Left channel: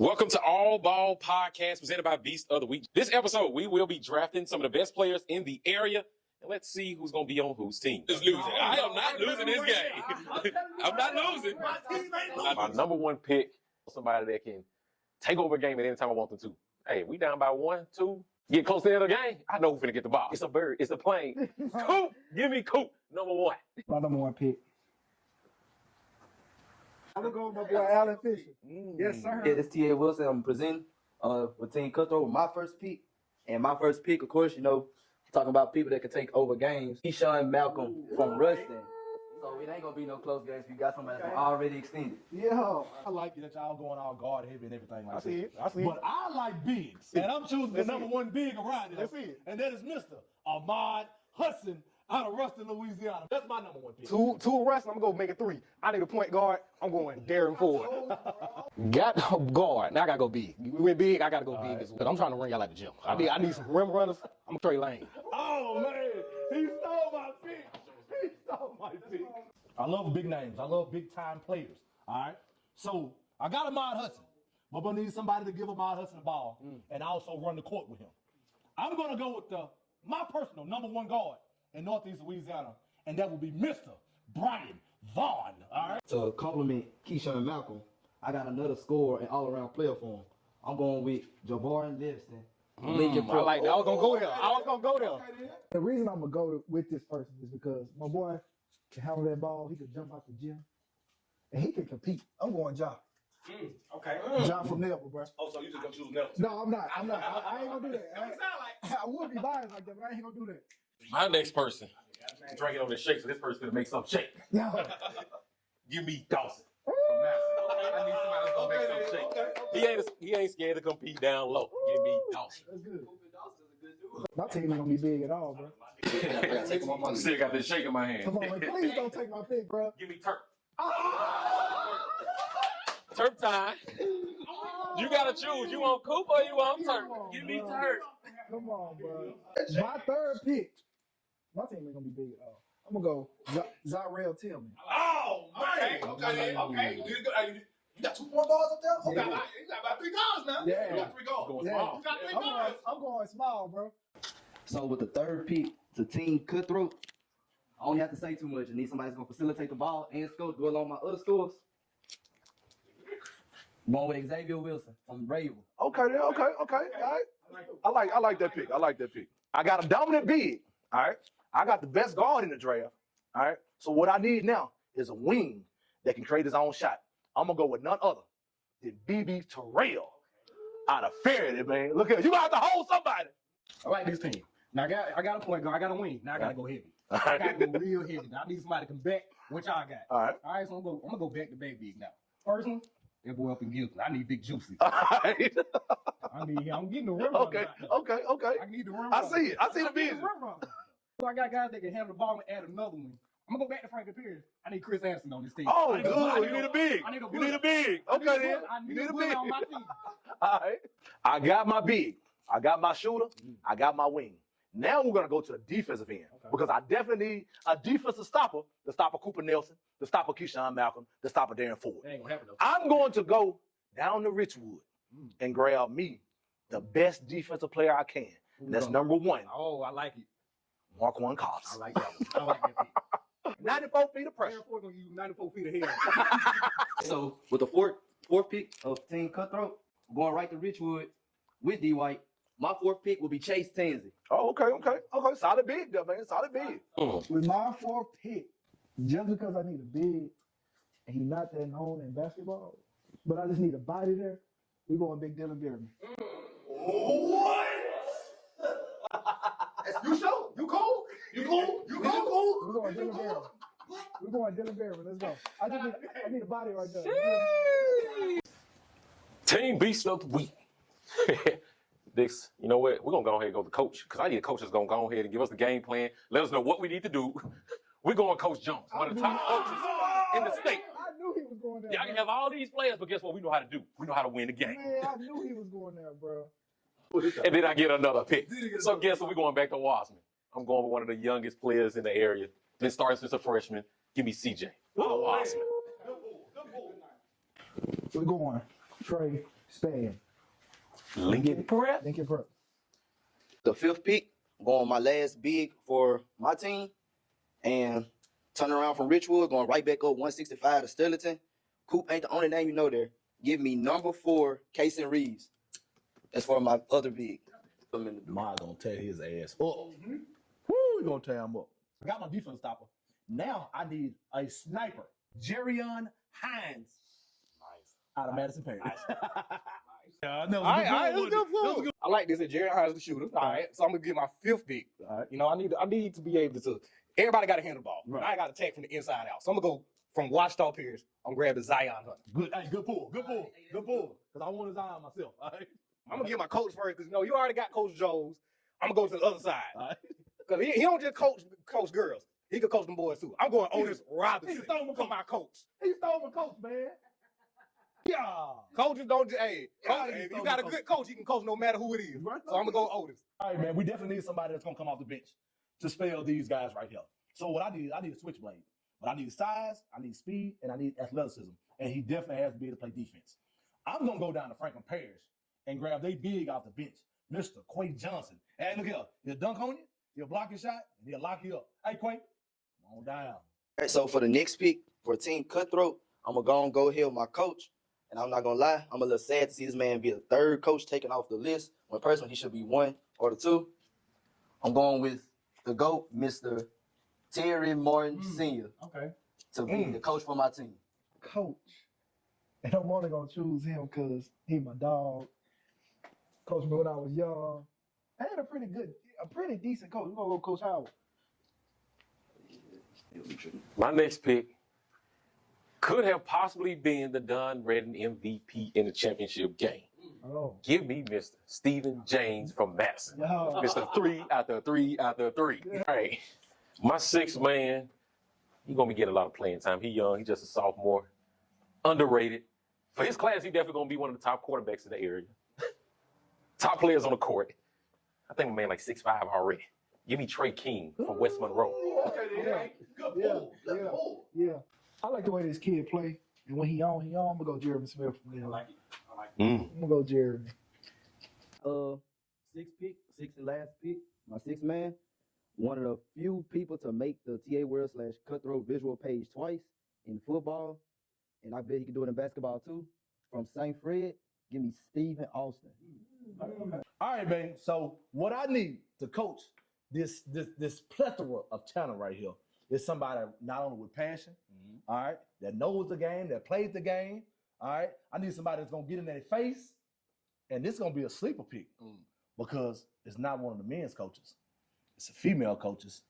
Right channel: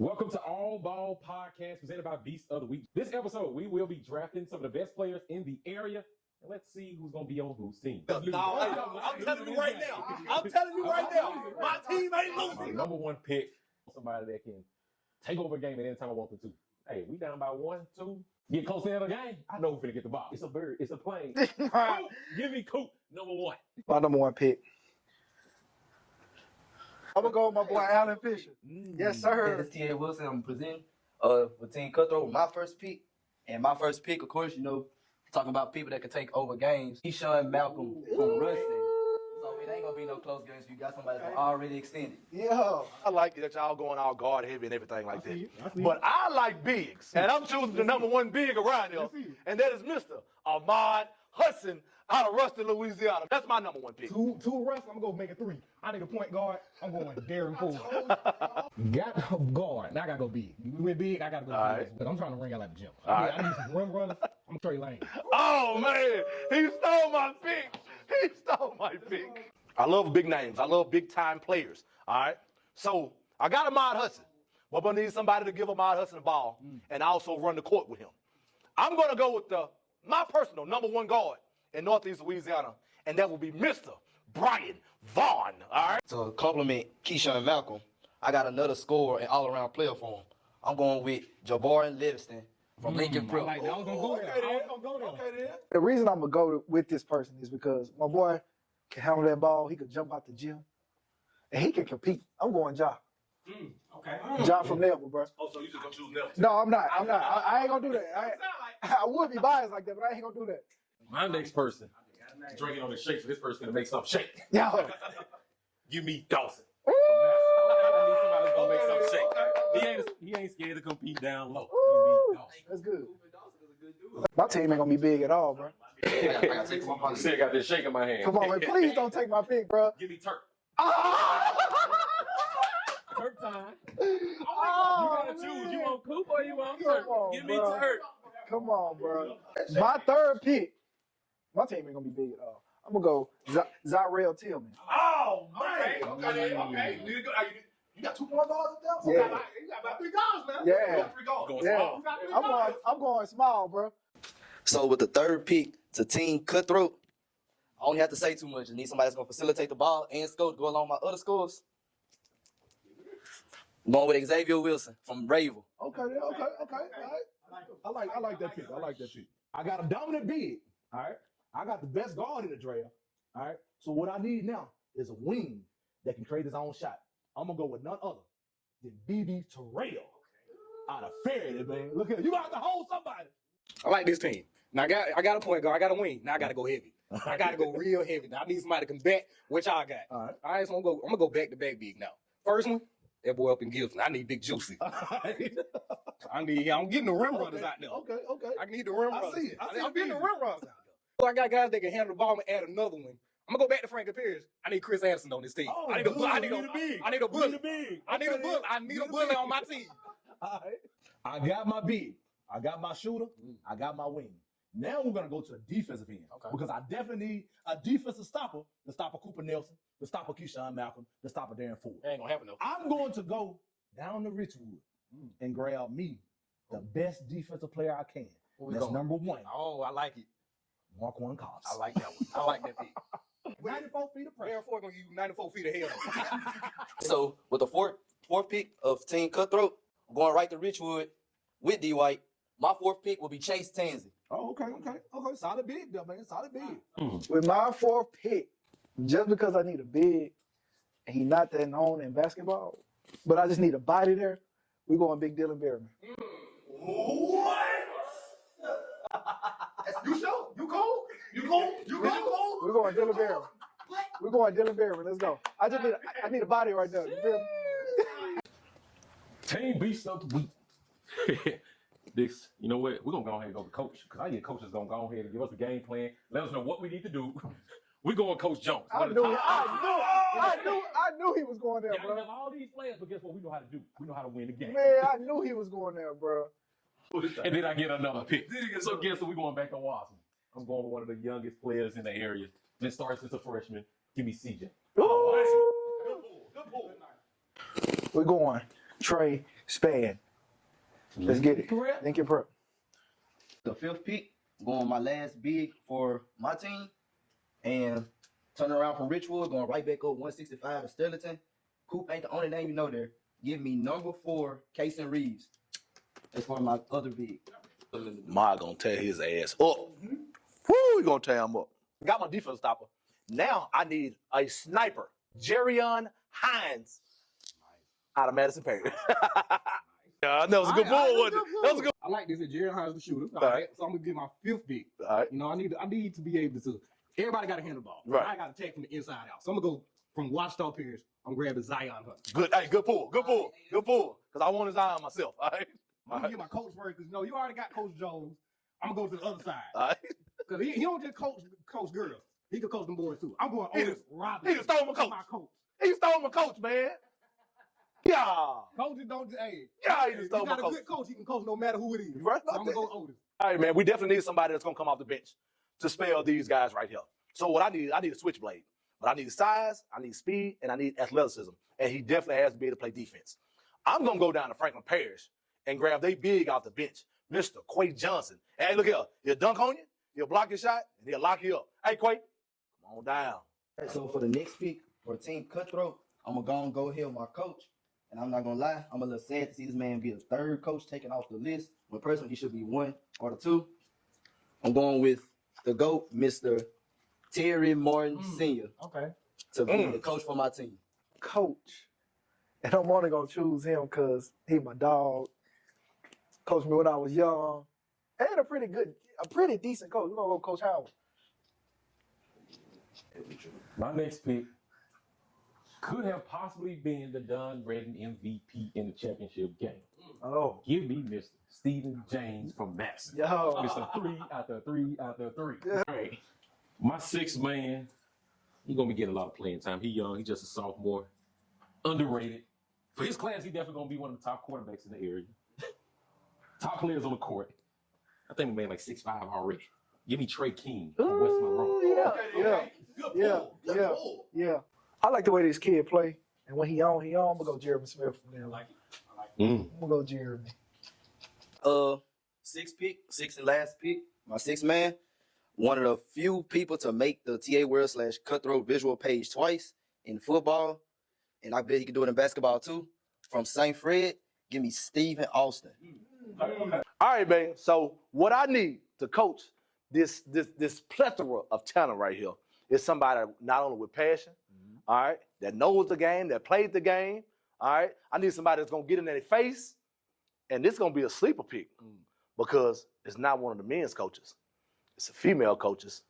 Welcome to All Ball Podcast presented by Beast of the Week. This episode, we will be drafting some of the best players in the area, and let's see who's going to be on whose team. I am not losing this game. I'm telling you, I'm not losing. My team ain't losing. My number one pick, somebody that can take over a game at any time I want them to. Hey, we down by 1, 2, get close to the end of the game. I know who's finna get the ball. It's a bird. It's a plane. Coop, give me Coop, number one. My number one pick. I'm gonna go with my boy Allen Fisher. Yes, sir. Yeah, this T.A. Wilson. I'm presenting with Team Cutthroat. My first pick. And my first pick, of course, talking about people that can take over games. Keyshawn Malcolm from Ruston. So it ain't gonna be no close games if you got somebody that's already extended. Yeah. I like that y'all going all guard heavy and everything like see that. it. But I like bigs. And I'm choosing the number one big around there. And that is Mr. Ahmad Hudson out of Ruston, Louisiana. That's my number one pick. Two Ruston, I'm gonna go make it 3. I need a point guard. I'm going Darren Ford. Got a guard. Now I gotta go big. You went big, I gotta go big. But I'm trying to ring out like the gym. I need some rim runners. I'm Trey Lane. Oh, man. He stole my pick. He stole my pick. I love big names. I love big-time players. All right? So I got Ahmad Hudson. But I'm going to need somebody to give Ahmad Hudson the ball and also run the court with him. I'm going to go with my personal number one guard in Northeast Louisiana, and that will be Mr. Brian Vaughn. All right? To compliment Keyshawn Malcolm, I got another scorer and all-around player for him. I'm going with Jabari Livingston from Lincoln Pro. I like that. I was gonna go there. The reason I'm gonna go with this person is because my boy can handle that ball. He can jump out the gym, and he can compete. I'm going Ja. Okay. Ja from Neville, bro. Oh, so you just going to choose Nelson? No, I'm not. I ain't gonna do that. I would be biased like that, but I ain't gonna do that. My next person, drinking on this shake, so this person gonna make something shake. Yeah. Give me Dawson. I need somebody that's gonna make something shake. He ain't scared to compete down low. Give me Dawson. That's good. My team ain't gonna be big at all, bro. Still got this shake in my hand. Come on, man. Please don't take my pick, bro. Give me Turk. Turk time. You gotta choose. You want Coop or you want Turk? Give me bro. Turk. Come on, bro. My third pick. My team ain't gonna be big at all. I'm gonna go Zyrell Tillman. Oh, man. Okay. You got 2 point guards up there? Yeah. You got about 3 guards now. Yeah. You got 3 guards. Going Yeah. small. You got 3 guards. I'm going small, bro. So with the third pick to Team Cutthroat, I only have to say too much. I need somebody that's going to facilitate the ball and score, go along with my other scores. I'm going with Xavier Wilson from Ravel. Okay. All right. I like that pick. I got a dominant big. All right. I got the best guard in the draft. All right. So what I need now is a wing that can create his own shot. I'm gonna go with none other than BB Terrell out of Faraday, man. Look at you got to hold somebody. I like this team. Now I got a point guard, I got a wing. Now I gotta go heavy. I gotta go real heavy. Now I need somebody to combat, which I got. All right. So I'm gonna go back to back big now. First one, that boy up in Gibson. I need Big Juicy. All right. I'm getting the rim runners out there. Okay. I need the rim runners. I see it. I see the I'm getting vision. the rim runners out there. So I got guys that can handle the ball and add another one. I'm gonna go back to Frank Pierce. I need Chris Anderson on this team. Oh, I need a big. I need a You need a big. I need a bully on my team. All right. I got my big. I got my shooter. I got my wing. Now we're going to go to the defensive end because I definitely need a defensive stopper to stop a Cooper Nelson, to stop a Keyshawn Malcolm, to stop a Darren Ford. That ain't gonna happen though. I'm going to go down to Richwood and grab me the best defensive player I can. That's number 1. Oh, I like it. Marquand Cobbs. I like that one. I like that pick. 94 feet of pressure. Darren Ford gonna give you 94 feet ahead. So with the fourth pick of Team Cutthroat, I'm going right to Richwood with D. White. My 4th pick will be Chase Tensley. Oh, okay. Solid big, though, man. Solid big. With my 4th pick, just because I need a big, and he's not that known in basketball, but I just need a body there, we're going Big Dylan Merriman. What? You sure? You cool? You cool? We're going Dylan Merriman. We're going Dylan Merriman. Let's go. I need a body right there. Team Beast of the Week. This, you know what? We're going to go ahead and go to coach because I need a coach that's going to go ahead and give us the game plan. Let us know what we need to do. We're going Coach Jones. One of the top coaches in the state. I knew he was going there, Y'all bro. can have all these players, but guess what? We know how to do. We know how to win the game. Man, I knew he was going there, bro. And then I get another pick. So guess what? We're going back to Wasman. I'm going with one of the youngest players in the area. Been starting since a freshman. Give me CJ. We're going Trey Span. Let's get it. Prep. Lincoln Prep. The 5th pick, going my last big for my team, and turning around from Richwood, going right back up 165 to Sterlington. Coop ain't the only name you know there. Give me number 4, Casey Reeves. That's for my other big. Ma gonna tear his ass up. Woo, we gonna tear him up. Got my defense stopper. Now I need a sniper. Jerrion Hines. Out of Madison Parish. Yeah, that was a good ball, wasn't it? That was a good. I like this. Jerry Hines the shooter. All right. So I'm gonna get my 5th pick. All right. You know, I need to be able to. Everybody got to handle the ball. Right. I got to attack from the inside out. So I'm gonna go from Washita Pierce. I'm grabbing Zion Hunt. Good. Hey, good pull. Good pull. Good pull. Because I want his eye on myself. All right. I'm gonna get my coach first because you already got Coach Jones. I'm gonna go to the other side All right. because he don't just coach girls. He can coach them boys too. I'm going Otis Robinson. He just stole my coach. My coach. He stole my coach, man. Yeah. Coaches don't just, hey, Yeah, he if you stole got my a good coach, he can coach no matter who it is. Right. So I'm gonna go Otis. All right, man. We definitely need somebody that's gonna come off the bench to spell these guys right here. So what I need a switchblade. But I need size, I need speed, and I need athleticism. And he definitely has to be able to play defense. I'm gonna go down to Franklin Parish and grab they big off the bench, Mr. Quay Johnson. Hey, look here. He'll dunk on you, he'll block your shot, and he'll lock you up. Hey, Quay, come on down. All right, so for the next pick for Team Cutthroat, I'm gonna go ahead with my coach. And I'm not gonna lie, I'm a little sad to see this man be the 3rd coach taken off the list. When personally he should be 1 or the 2. I'm going with the GOAT, Mr. Terry Morton Sr. Okay. to be the coach for my team. Coach. And I'm only gonna choose him because he my dog. Coached me when I was young. And a pretty decent coach. We're gonna go Coach Howard. My next pick could have possibly been the Dunn Redden MVP in the championship game. Oh. Give me Mr. Stephen James from Madison. Yo. Mr. 3 after 3 after 3. All right. My 6th man, he's going to be getting a lot of playing time. He's young. He's just a sophomore. Underrated. For his class, he's definitely going to be one of the top quarterbacks in the area. Top players on the court. I think my man like 6'5" already. Give me Trey King from West Monroe. Yeah. I like the way this kid play. And when he on, I'm gonna go Jeremy Smith from there. I'm gonna go Jeremy. 6th and last pick, my 6th man. One of the few people to make the TA World / Cutthroat visual page twice in football. And I bet he can do it in basketball too. From St. Fred, give me Stephen Austin. All right, man. So what I need to coach this plethora of talent right here is somebody not only with passion, all right, that knows the game, that played the game, all right. I need somebody that's gonna get in their face, and this is gonna be a sleeper pick because it's not one of the men's coaches. It's a female coaches.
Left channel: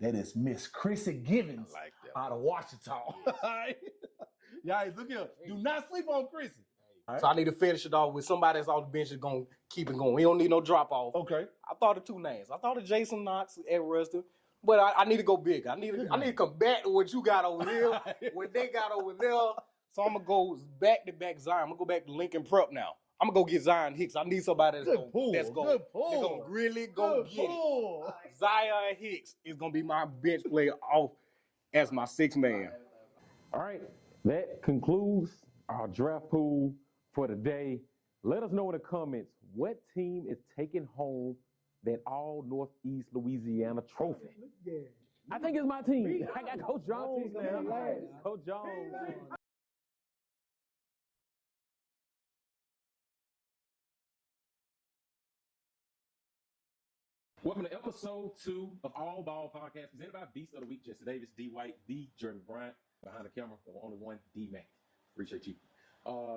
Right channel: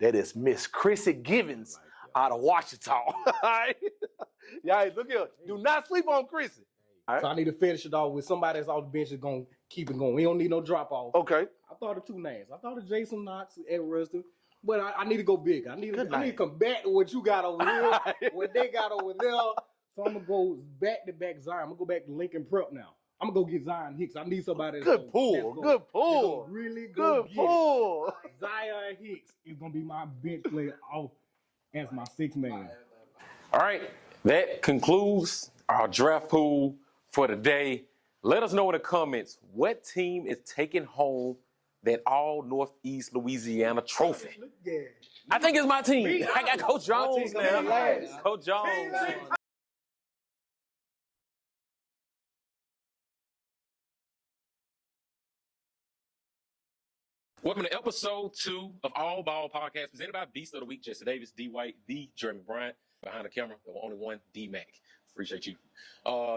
That is Miss Chrissy Givens out of Washington. All right. Yeah, look here. Do not sleep on Chrissy. So I need to finish it off with somebody that's off the bench that's gonna keep it going. We don't need no drop off. Okay. I thought of 2 names. I thought of Jason Knox and Ruston, but I need to go big. I need to come back to what you got over here, what they got over there. So I'm gonna go back to back Zion. I'm gonna go back to Lincoln Prep now. I'm gonna go get Zion Hicks. I need somebody that's Good pull. Really go Good get pull. it. Zion Hicks is gonna be my bench player off as my 6th man. All right. That concludes our draft pool for today. Let us know in the comments what team is taking home that all Northeast Louisiana trophy. Yeah. I think it's my team. I got Coach Jones now. Coach Jones. Welcome to episode 2 of All Ball Podcast, presented by Beast of the Week, Jesse Davis, D. White, the Jeremy Bryant. Behind the camera, the only one, D. Mac. Appreciate you.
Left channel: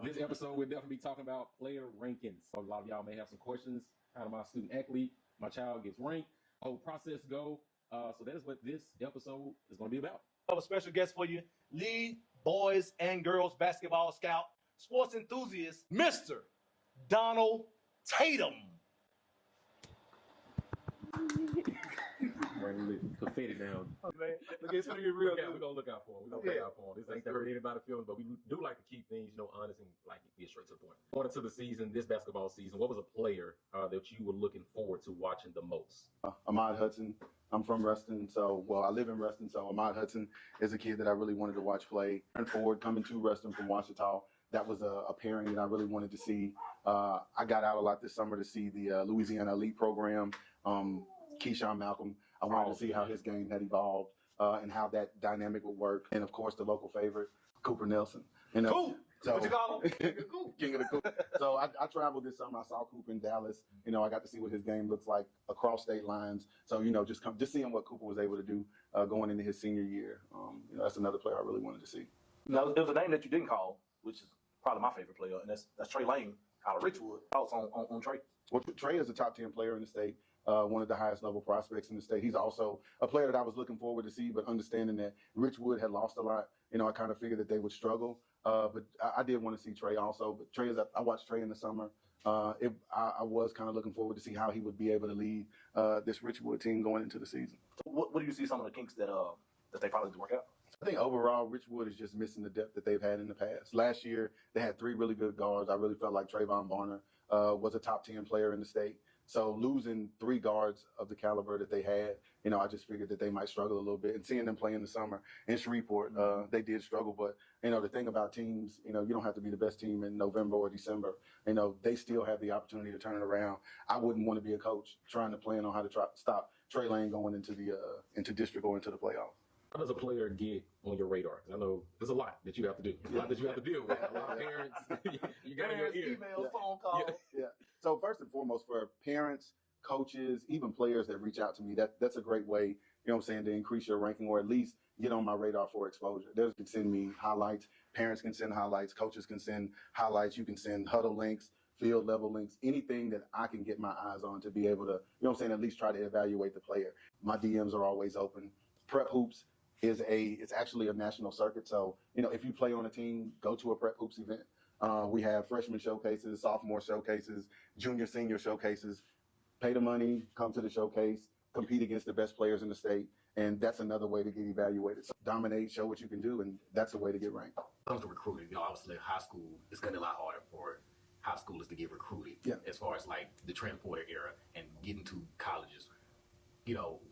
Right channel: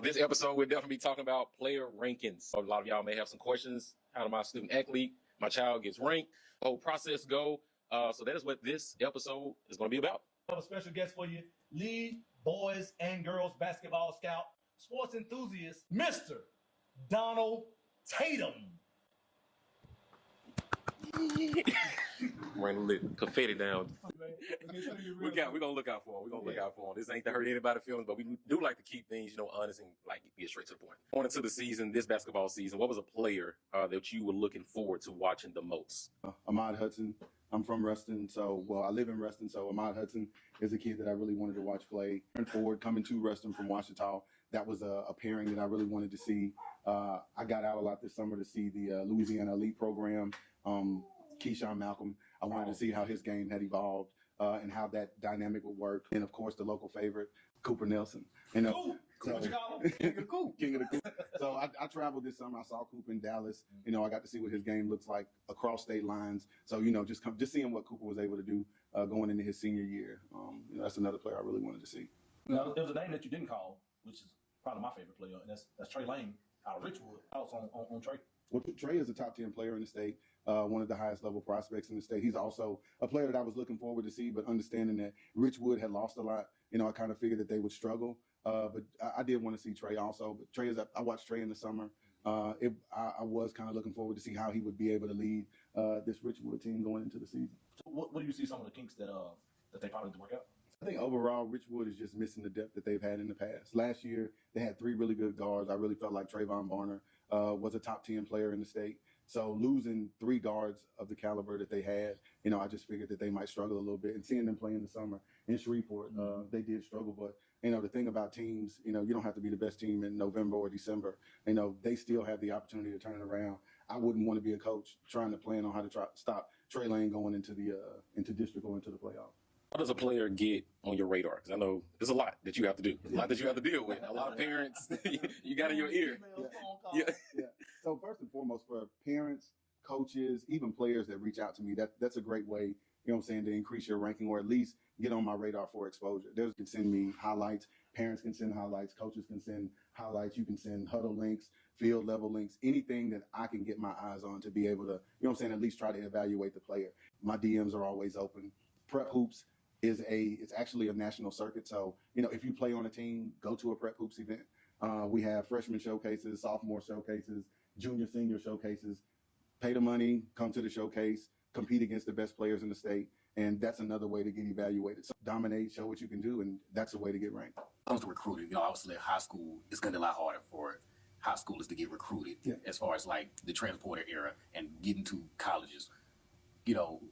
This episode, we'll definitely be talking about player rankings. A lot of y'all may have some questions. How do my student athlete, my child gets ranked? The whole process go. So that is what this episode is going to be about. I have a special guest for you, lead boys and girls basketball scout, sports enthusiast, Mr. Donald Tatum. We're going to confetti down. We're going to look out for him. This ain't to hurt anybody's feelings, but we do like to keep things, honest and like get straight to the point. Going into the season, this basketball season, what was a player that you were looking forward to watching the most? Ahmad Hudson. I'm from Ruston, I live in Ruston, so Ahmad Hudson is a kid that I really wanted to watch play. And forward, coming to Ruston from Washita, that was a pairing that I really wanted to see. I got out a lot this summer to see the Louisiana Elite program, Keyshawn Malcolm. I wanted to see how his game had evolved and how that dynamic would work. And of course, the local favorite, Cooper Nelson. Coop. So, What you call him? King of the Coop. King of the Coop. So I traveled this summer. I saw Cooper in Dallas. I got to see what his game looks like across state lines. So just seeing what Cooper was able to do going into his senior year. That's another player I really wanted to see. Now, there's a name that you didn't call, which is probably my favorite player, and that's Trey Lane out of Richwood. Thoughts on Trey? Well, Trey is a top 10 player in the state, one of the highest level prospects in the state. He's also a player that I was looking forward to see, but understanding that Richwood had lost a lot, I kind of figured that they would struggle. But I did want to see Trey also. But I watched Trey in the summer. I was kind of looking forward to see how he would be able to lead this Richwood team going into the season. So what do you see some of the kinks that they probably need to work out? I think overall, Richwood is just missing the depth that they've had in the past. Last year, they had 3 really good guards. I really felt like Trayvon Barner was a top 10 player in the state. So losing 3 guards of the caliber that they had, I just figured that they might struggle a little bit. And seeing them play in the summer in Shreveport, they did struggle. But, the thing about teams, you don't have to be the best team in November or December. They still have the opportunity to turn it around. I wouldn't want to be a coach trying to plan on how to stop Trey Lane going into district or into the playoffs. How does a player get on your radar? Because I know there's a lot that you have to do, a lot that you have to deal with. A lot of parents you got in your ear. Emails, phone calls. Yeah. So first and foremost, for parents, coaches, even players that reach out to me, that's a great way, to increase your ranking or at least get on my radar for exposure. They can send me highlights. Parents can send highlights. Coaches can send highlights. You can send huddle links, field level links, anything that I can get my eyes on to be able to, at least try to evaluate the player. My DMs are always open. Prep Hoops it's actually a national circuit. So, if you play on a team, go to a Prep Hoops event. We have freshman showcases, sophomore showcases, junior, senior showcases. Pay the money, come to the showcase, compete against the best players in the state. And that's another way to get evaluated. So dominate, show what you can do, and that's a way to get ranked. When it comes to recruiting, obviously high school is going to be a lot harder for high schoolers to get recruited as far as like the transporter era and getting to colleges.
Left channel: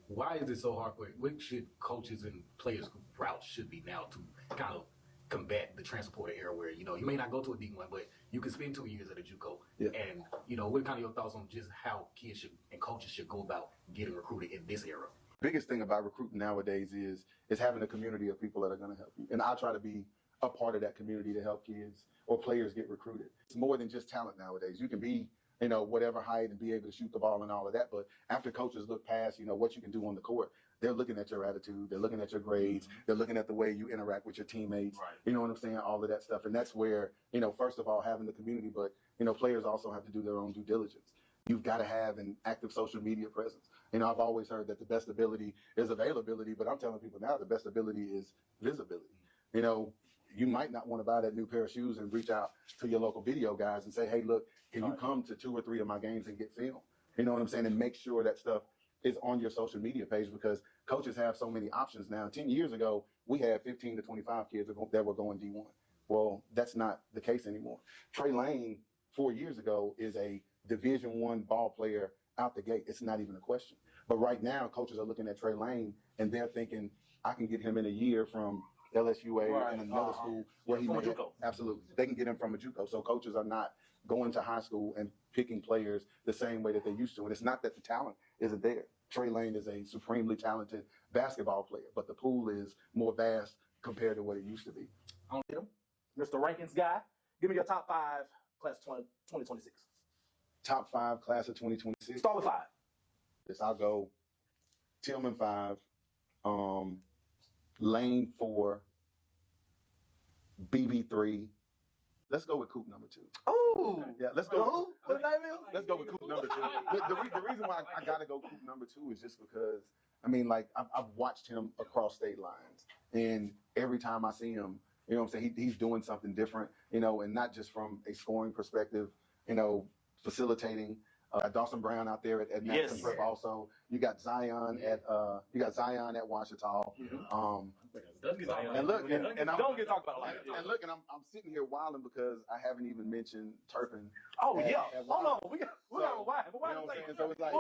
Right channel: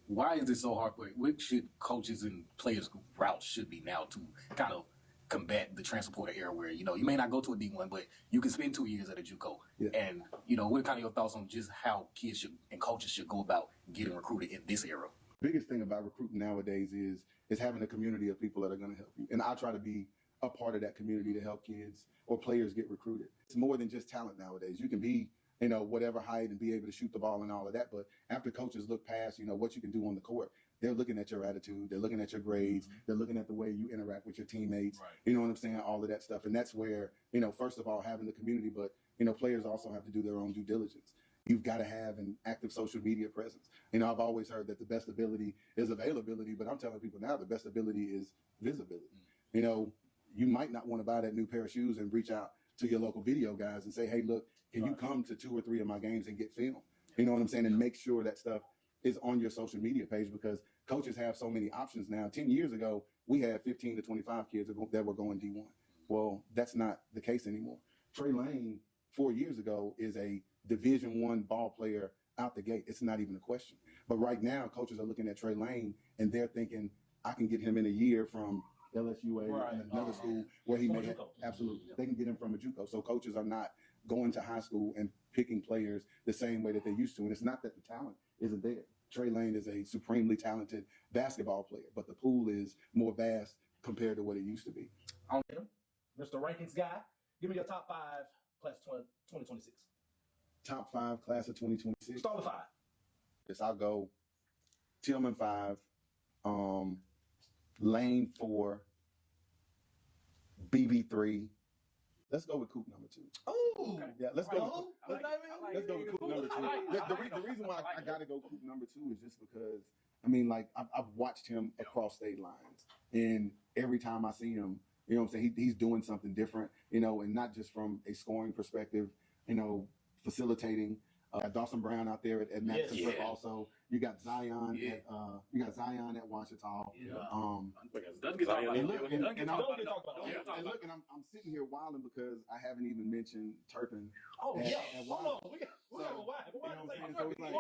Why is it so hard for it? What should coaches and players' routes should be now to kind of combat the transporter era where, you may not go to a D1, but you can spend 2 years at a JUCO. Yeah. And, what are kind of your thoughts on just how kids and coaches should go about getting recruited in this era? Biggest thing about recruiting nowadays is having a community of people that are going to help you. And I try to be a part of that community to help kids or players get recruited. It's more than just talent nowadays. You can be whatever height and be able to shoot the ball and all of that. But after coaches look past, what you can do on the court, they're looking at your attitude. They're looking at your grades. They're looking at the way you interact with your teammates. Right. You know what I'm saying? All of that stuff. And that's where, first of all, having the community, but, players also have to do their own due diligence. You've got to have an active social media presence. I've always heard that the best ability is availability, but I'm telling people now the best ability is visibility. You might not want to buy that new pair of shoes and reach out to your local video guys and say, hey, look, can you come to 2 or 3 of my games and get film? You know what I'm saying? And make sure that stuff is on your social media page because coaches have so many options now. 10 years ago, we had 15 to 25 kids that were going D1. Well, that's not the case anymore. Trey Lane, 4 years ago, is a Division I ball player out the gate. It's not even a question. But right now, coaches are looking at Trey Lane, and they're thinking, I can get him in a year from LSUA and another school where he may absolutely. They can get him from a JUCO. So coaches are not going to high school and picking players the same way that they used to. And it's not that the talent isn't there. Trey Lane is a supremely talented basketball player, but the pool is more vast compared to what it used to be. On him, Mr. Rankings guy. Give me your top 5 class of 2026. Top 5 class of 2026. Start with 5. Yes, I'll go Tillman 5, Lane 4, BB 3. Let's go with Coop number 2. Oh, yeah. Let's go. Let's go with Coop number 2. The reason why I gotta go Coop number 2 is just because I've watched him across state lines, and every time I see him, he's doing something different, and not just from a scoring perspective, facilitating. Dawson Brown out there at Madison Prep also. You got Zion at Washita. And look, don't get talked about it. And look, and I'm sitting here wilding because I haven't even mentioned Turpin. Oh yeah. Hold on. We got a why. So it's like